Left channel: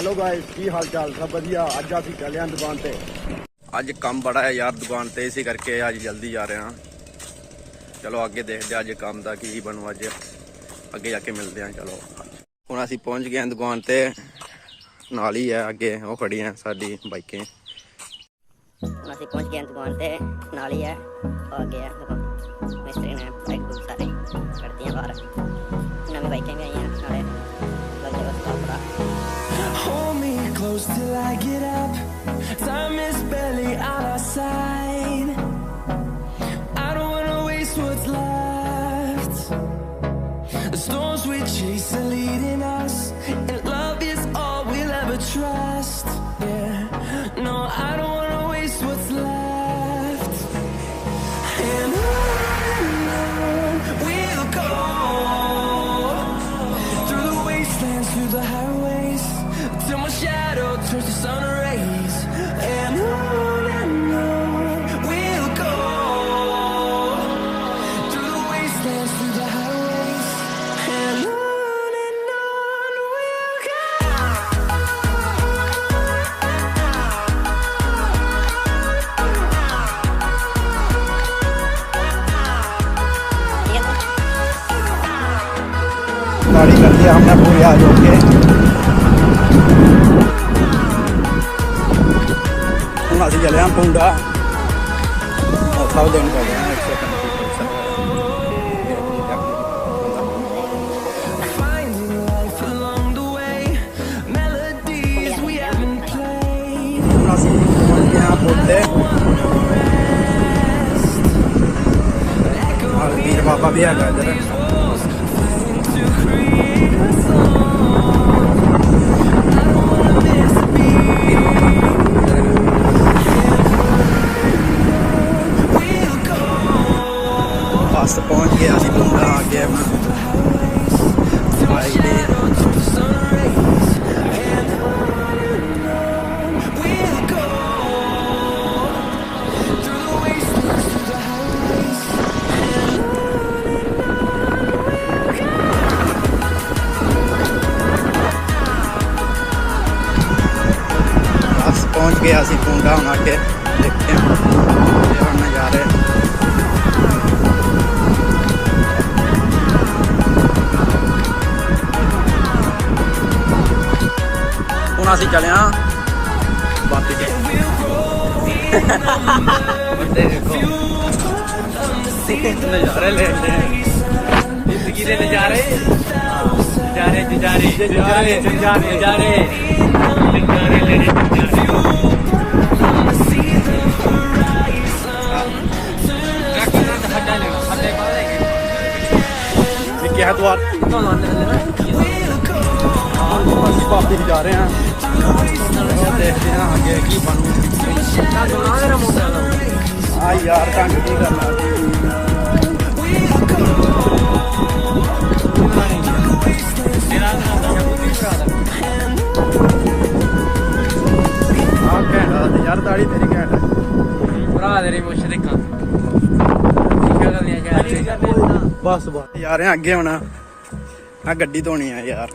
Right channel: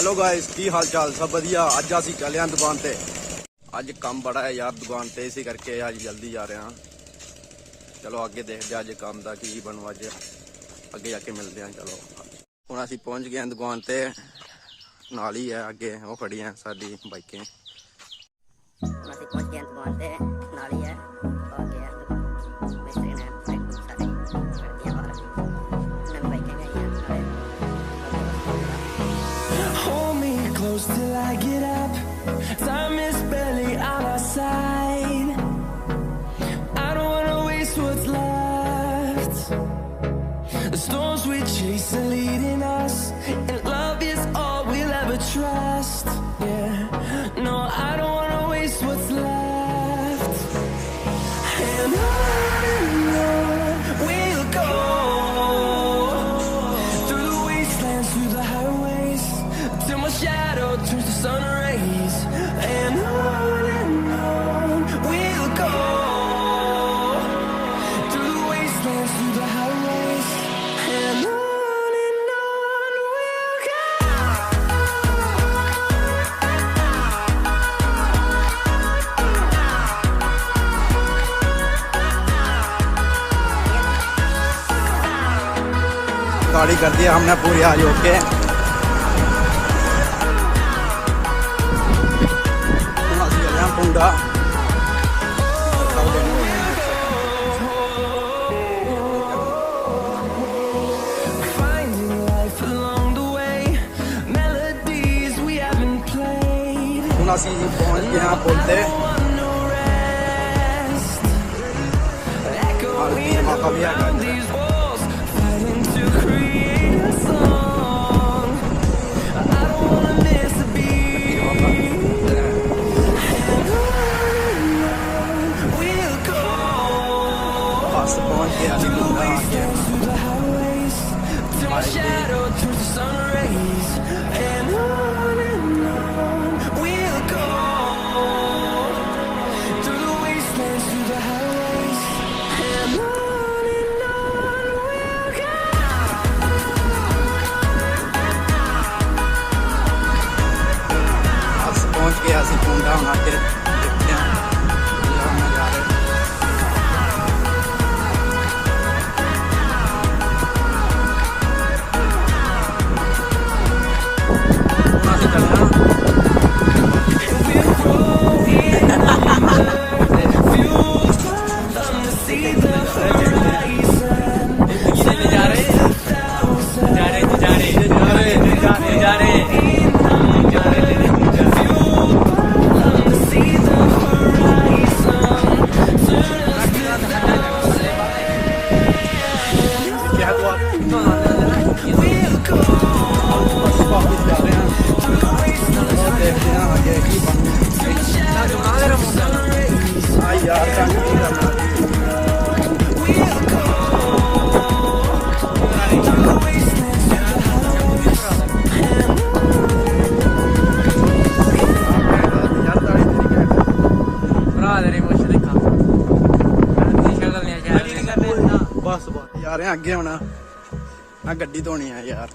Hello guys की हाल चाल सब वधिया। अज असीं चले हैं दुकान ते। अज काम बड़ा है यार दुकान ते, इसी करके अज जल्दी जा रहे हैं। चलो आगे देखते हैं अज काम का की बनू, अज अगे जाके मिलते हैं। चलो हुण असीं पहुंच गए हैं दुकान ते, नाल ही है अगे वो खड़ी हैं साडी बाइकें। हुण असीं पहुंच गए हैं दुकान ते, नाल ही है आगे है दुकान। मिस्त्री ने बाइक बुक सारे कर दियां बाहर, नवी बाइकें भी आई हैं नाले Hold me close till I get up. Time is barely on our side. I don't wanna waste what's left. The storms we chase are leading us, and love is all we'll ever trust. Yeah, no, I don't wanna waste what's left. And on we'll go, through the wastelands, through the highways, till my shadow turns to sun rays. And on we'll go, through the wastelands, through the highways. And on we'll go. गाड़ी कर दिया हमने पूरी आज होके। हम असीं चले हैं पुंडा, सब दिन Finding life along the way, melodies we haven't played. हम असीं पहुंच गए हैं पुल ते। और पीर बाबा भी है इधर। These walls fighting to create a song. I don't wanna miss a beat. We'll go बस पहुंच गए असीं पुंडा आ गए अपना। through the highways till my shadow turns to sun rays. And on we'll go, through the wastelands, through the highways. And on we'll go. बस पहुंच गए असीं पुंडा, हम आके देखते हैं यार नज़ारे। हुण असीं चले हैं बस ते। We'll roll in under, fueled from the sea, the horizon. नज़ारे क्या है द्वार वापिस जा रहे हैं। देखते हैं आगे की बनू। हाँ यार तंग नहीं करना। यार ताड़ी तेरी घैंट भरा तेरी मुछ दिखा। बस बस जा रहे हैं अगे। होना गड्डी धोनी है यार।